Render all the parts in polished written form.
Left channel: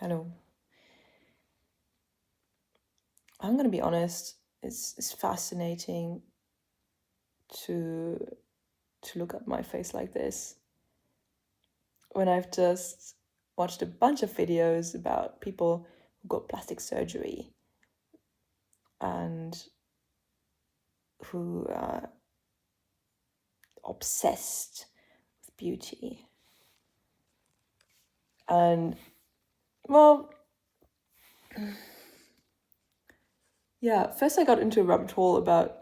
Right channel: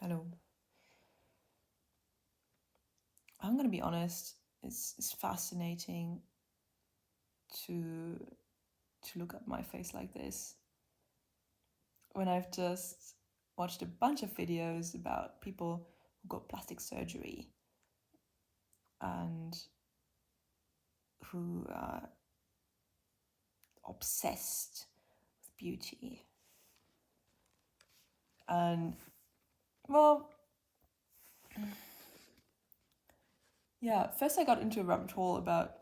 Hello. I'm gonna be honest. It's fascinating to look at my face like this when I've just watched a bunch of videos about people who got plastic surgery and who are obsessed with beauty. And well, yeah, first I got into a rabbit hole about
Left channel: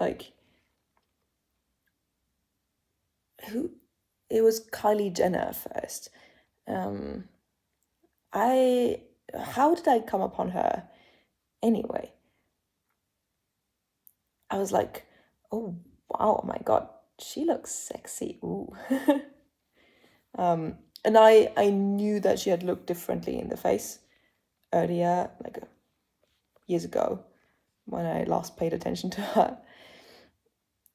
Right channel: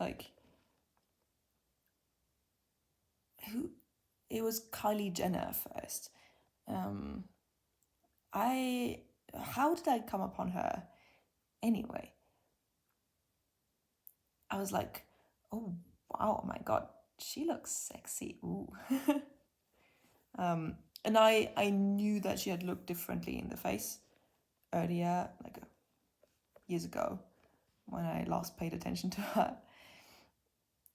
who it was Kylie Jenner first. Um, I how did I come upon her anyway? I was like, oh wow, oh my god, she looks sexy. Ooh. And I knew that she had looked differently in the face earlier, years ago, when I last paid attention to her.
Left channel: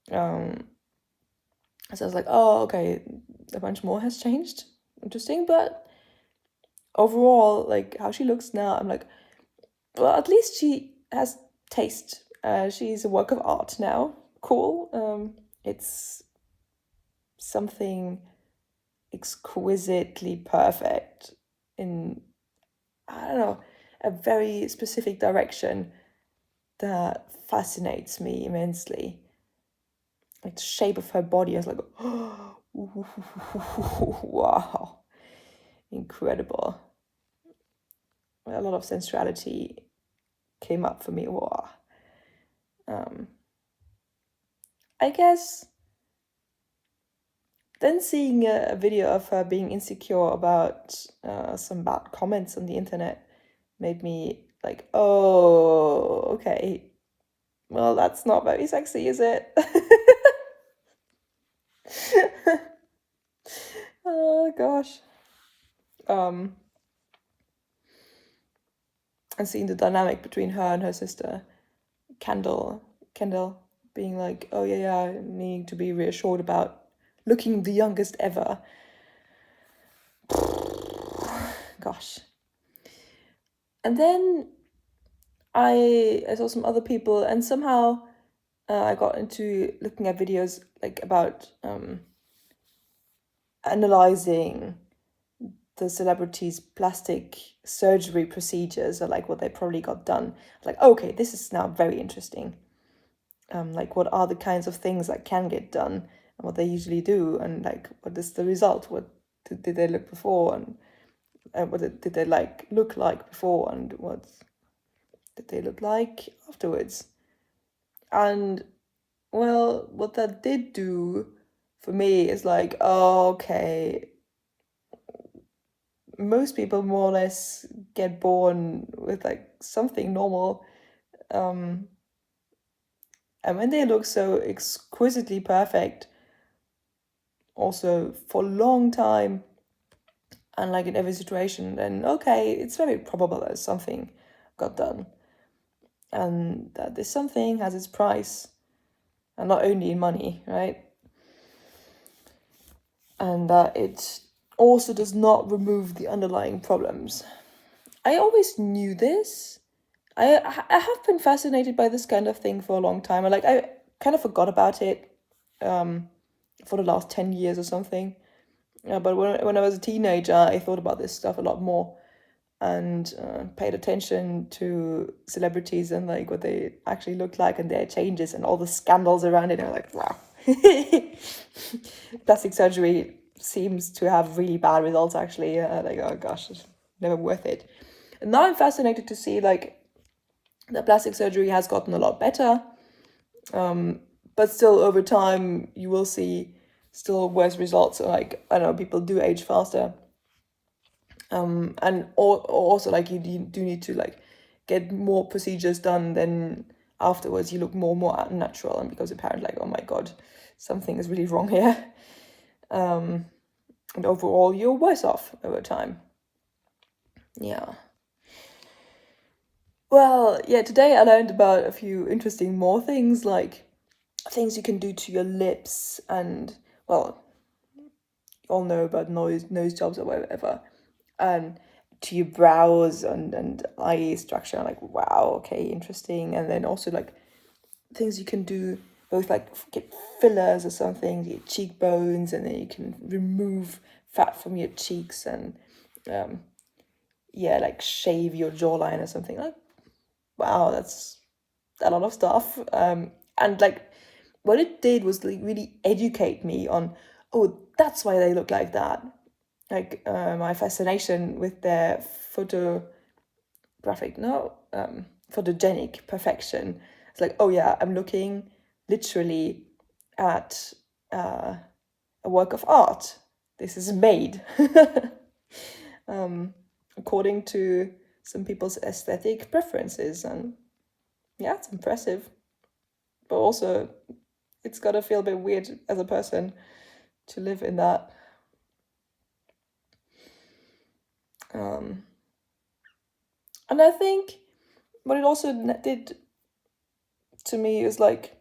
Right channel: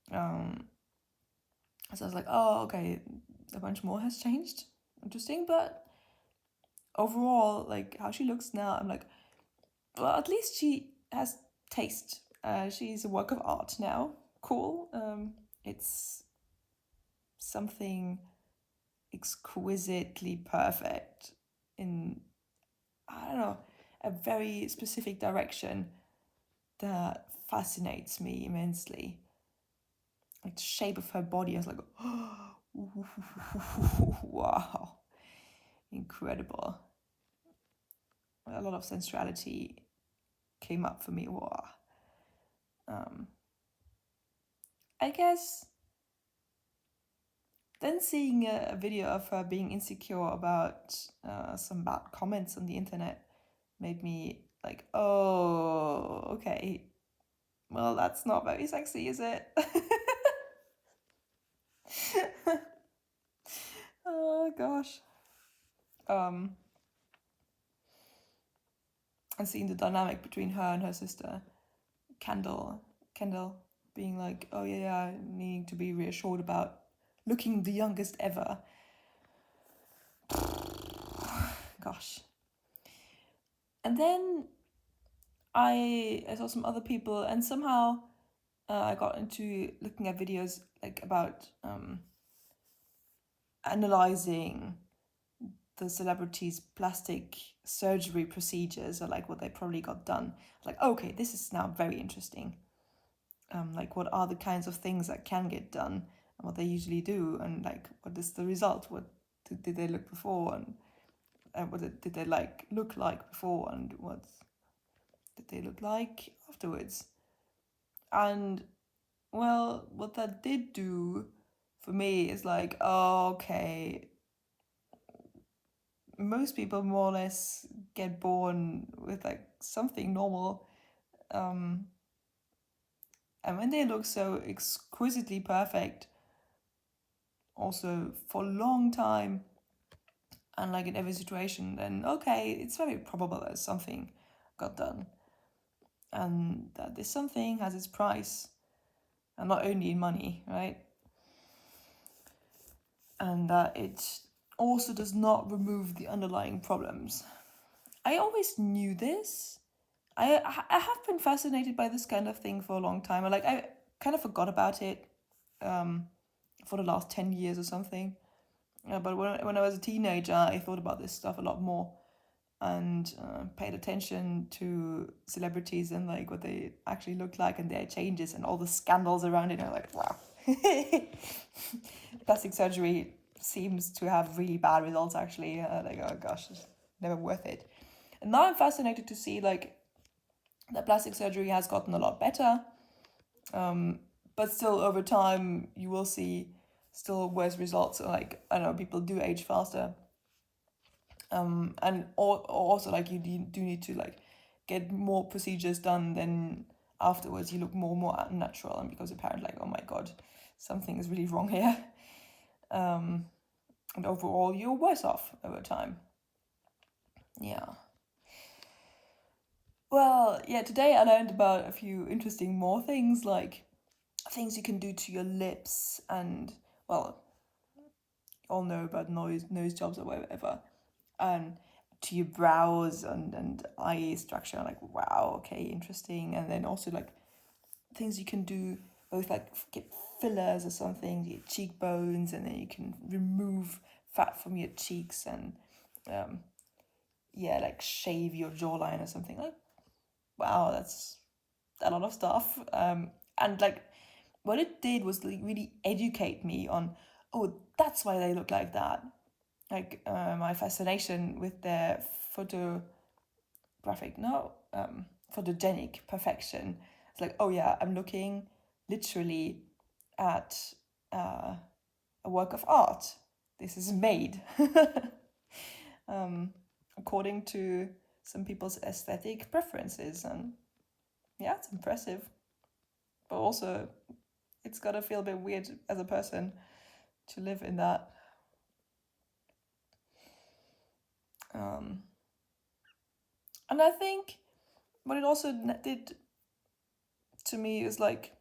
So I was like, oh, okay, a bunch more has changed. Interesting, but overall, like how she looks now, I'm like, well, at least she has taste. She's a work of art now. Cool. It's something exquisitely perfect in, I don't know, a very specific direction that fascinates me immensely. Like the shape of her body, I was like, oh, wow, incredible. A lot of sensuality came up for me. Wow. I guess then seeing a video of her being insecure about some bad comments on the internet made me like, oh, okay. Well, that's not very sexy, is it? Oh gosh. And seeing the dynamic between her and her sister, Kendall, being like, oh yeah, needing to be reassured about looking the youngest ever. Gosh. And then I saw some other people, and somehow I got into looking at videos like about analyzing the celebrities' plastic surgery procedures, or like what they probably got done. Like, okay, this is now very interesting. Like, what are the kinds of things that can get done, and what they usually do, and like, what is the result? What did they look before, and what did they like look like before, and what did they look like afterwards? And well, what that did do for me is like, oh, okay, most people more or less get born with like something normal. And when they look so exquisitely perfect, also for a long time, and like in every situation, then okay, it's very probable that something got done. And that this something has its price, and not only in money, right? And that it also does not remove the underlying problems. I always knew this. I have been fascinated by this kind of thing for a long time. I kind of forgot about it for the last 10 years or something. But when I was a teenager, I thought about this stuff a lot more, and paid attention to celebrities and like what they actually look like and their changes and all the scandals around it. And I'm like, wow. Plastic surgery seems to have really bad results actually. Like, oh gosh, it's never worth it. And now I'm fascinated to see like the plastic surgery has gotten a lot better, but still over time you will see still worse results. So, like, I don't know, people do age faster, and also like you do need to like get more procedures done, then afterwards you look more and more unnatural, and because apparently like, oh my god, something is really wrong here. And overall you're worse off over time. Yeah. Well, yeah, today I learned about a few interesting more things, like things you can do to your lips, and well, you all know about nose jobs or whatever. to your brows and eye structure. I'm like, wow, okay, interesting. And then also like things you can do, both like get fillers or something, your cheekbones, and then you can remove fat from your cheeks and yeah, like shave your jawline or something. Like, wow, that's a lot of stuff. And like what it did was like really educate me on, oh, that's why they look like that. Like my fascination with their photogenic perfection. It's like, oh yeah, I'm looking literally at a work of art. This is made according to some people's aesthetic preferences, and yeah, it's impressive. But also, it's gotta feel a bit weird as a person to live in that. And I think what it also did to me is like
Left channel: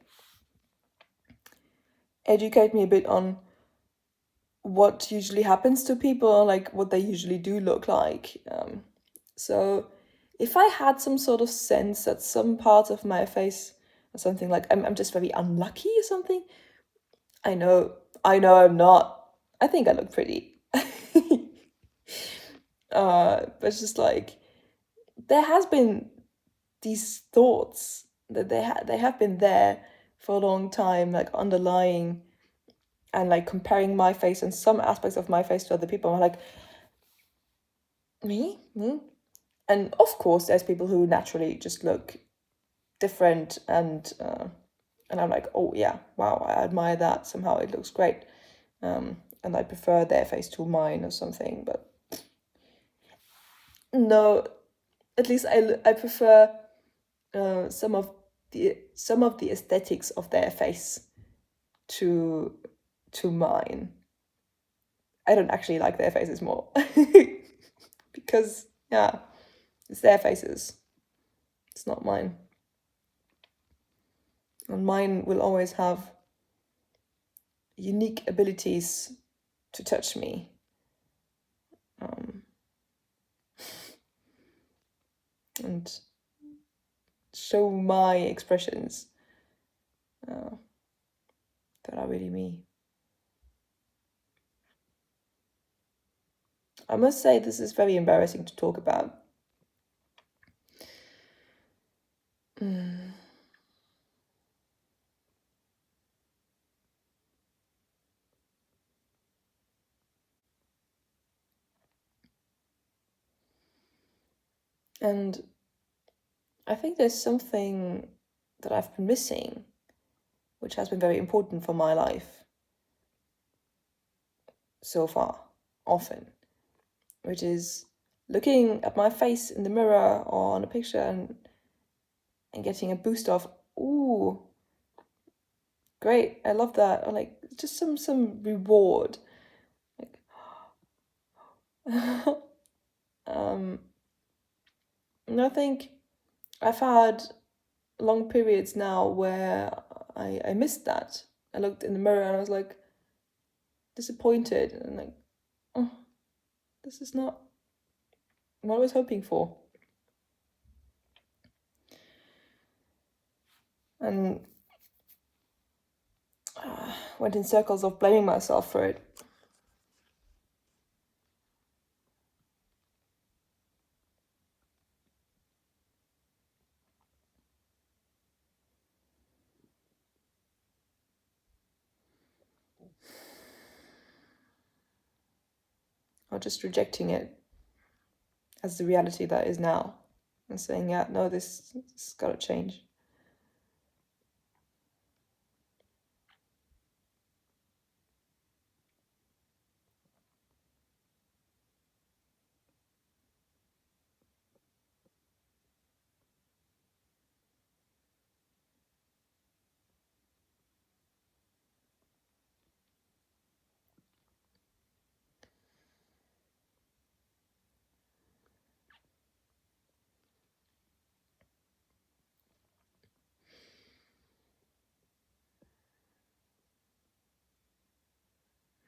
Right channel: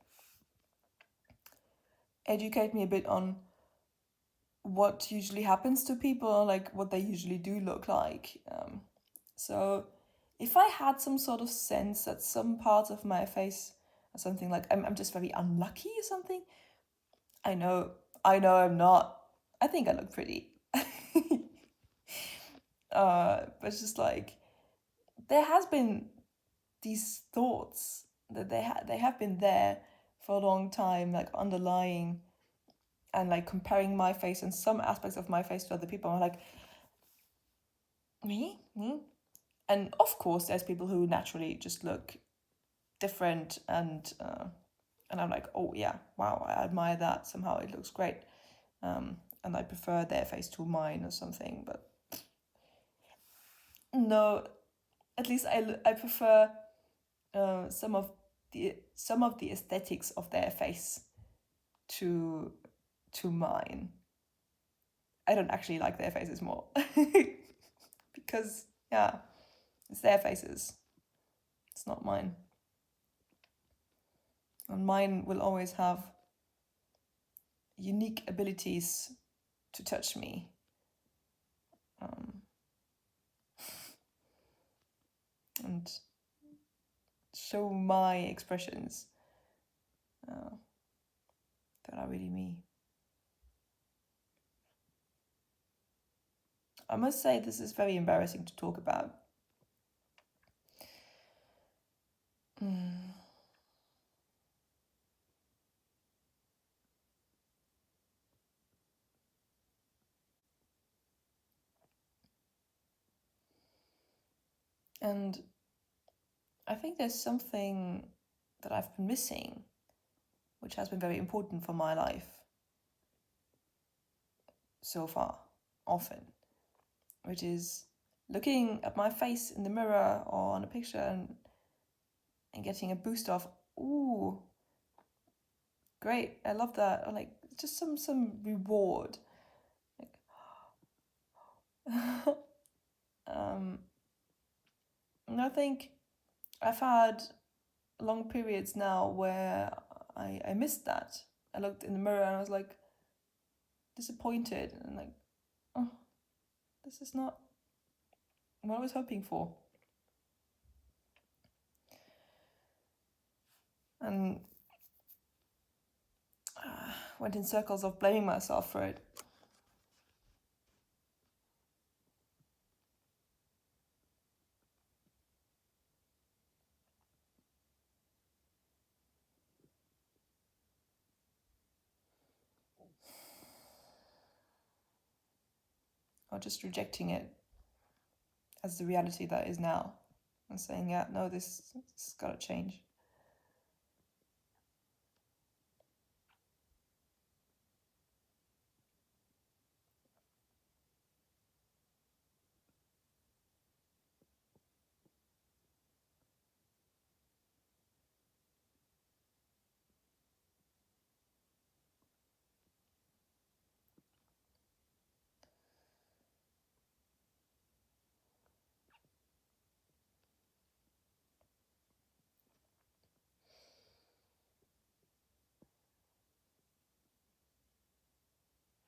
educate me a bit on what usually happens to people, like what they usually do look like. So if I had some sort of sense that some parts of my face or something, like I'm just very unlucky or something, I know I'm not. I think I look pretty. But it's just like there has been these thoughts that they have been there for a long time, like underlying, and like comparing my face and some aspects of my face to other people. I'm like, me? And of course, there's people who naturally just look different, and I'm like, oh yeah, wow, I admire that. Somehow it looks great, and I prefer their face to mine or something. But no, at least I prefer some of the aesthetics of their face to mine. I don't actually like their faces more because yeah, it's their faces. It's not mine. And mine will always have unique abilities to touch me. And show my expressions that are really me. I must say this is very embarrassing to talk about. And I think there's something that I've been missing, which has been very important for my life so far, often, which is looking at my face in the mirror or on a picture and getting a boost of, ooh, great, I love that, or like just some reward. Like, and I think I've had long periods now where I missed that. I looked in the mirror and I was like disappointed and like, oh, this is not what I was hoping for. And went in circles of blaming myself for it. Or just rejecting it as the reality that is now and saying, yeah, no, this has got to change.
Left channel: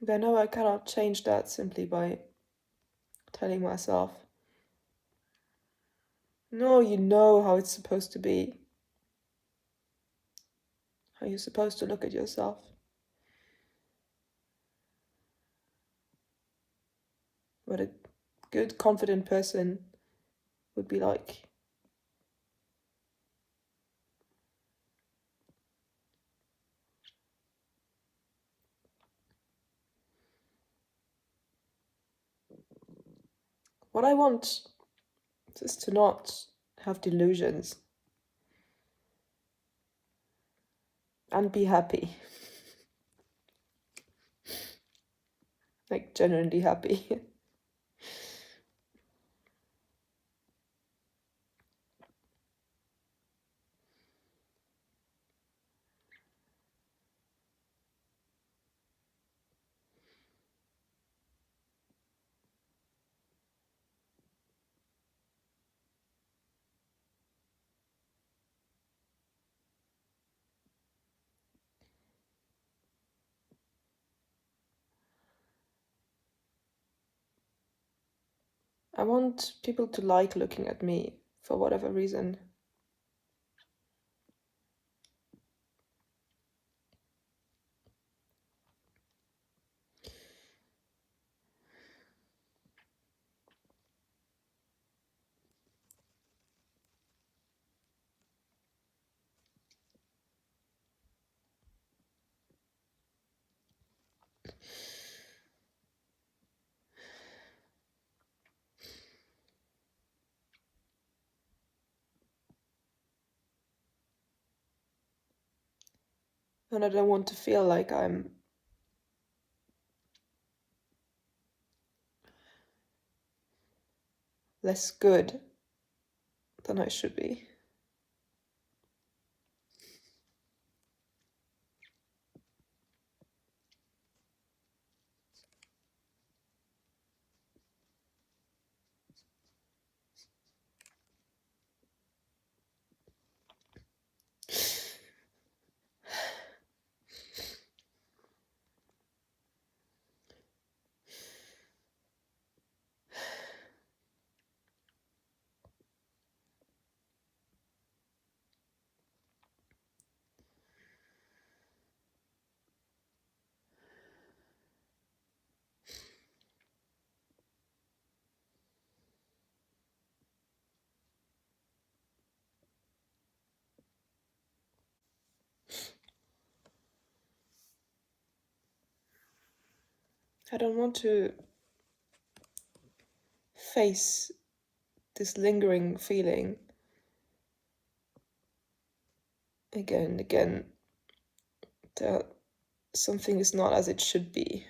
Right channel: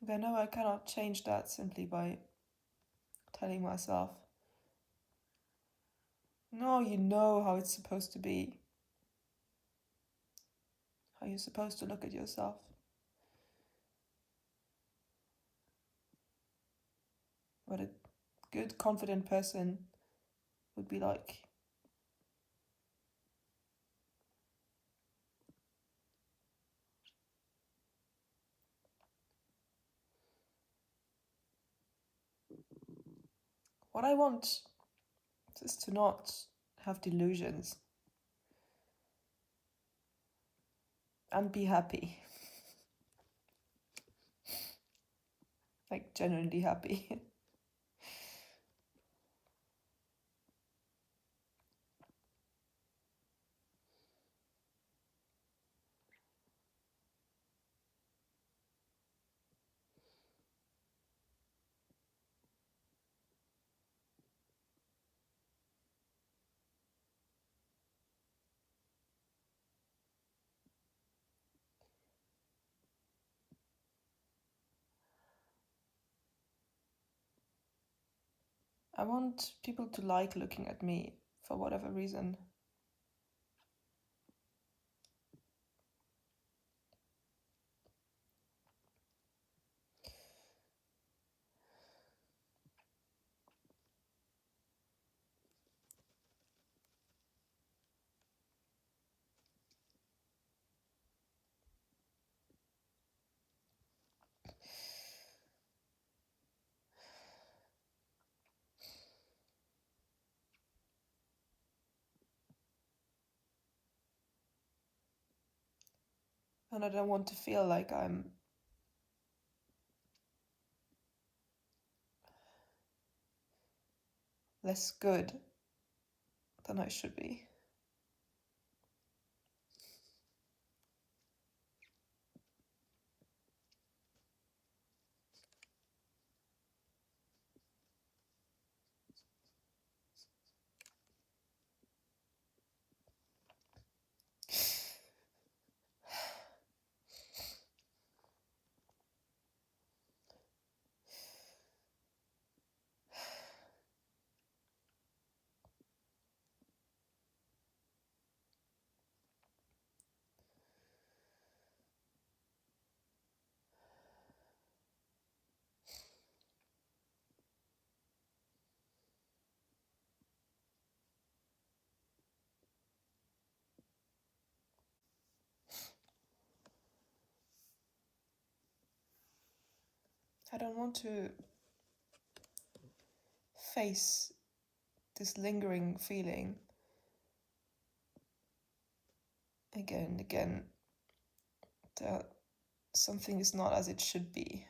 But I know I cannot change that simply by telling myself No, you know how it's supposed to be. How you're supposed to look at yourself. What a good, confident person would be like. What I want is to not have delusions and be happy. Like, genuinely happy. I want people to like looking at me for whatever reason. And I don't want to feel like I'm less good than I should be. I don't want to face this lingering feeling again and again that something is not as it should be.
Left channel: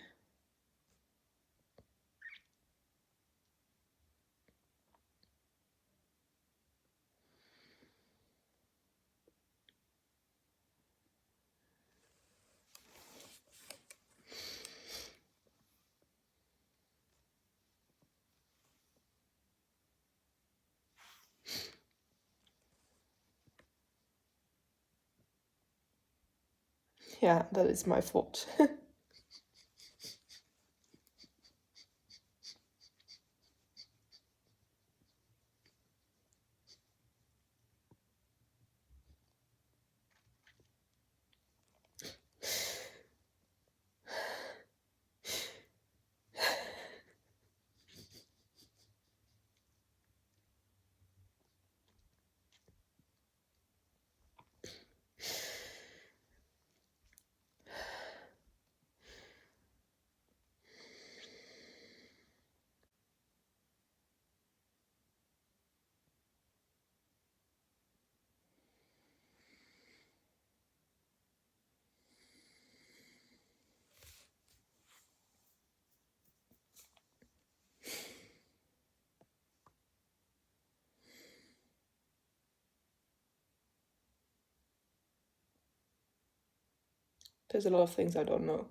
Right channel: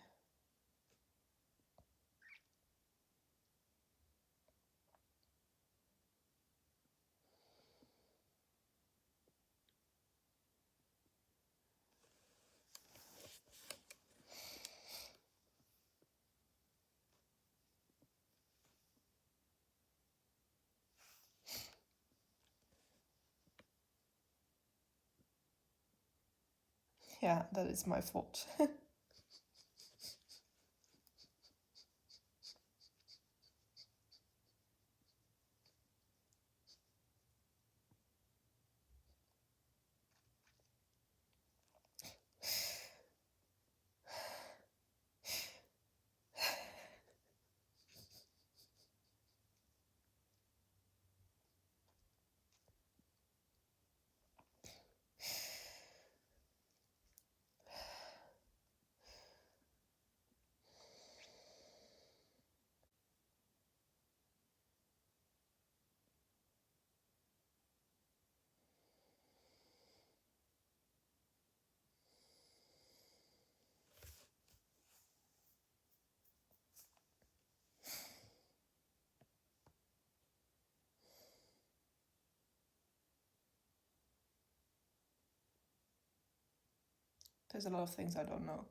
Yeah, that is my fault. There's a lot of things I don't know.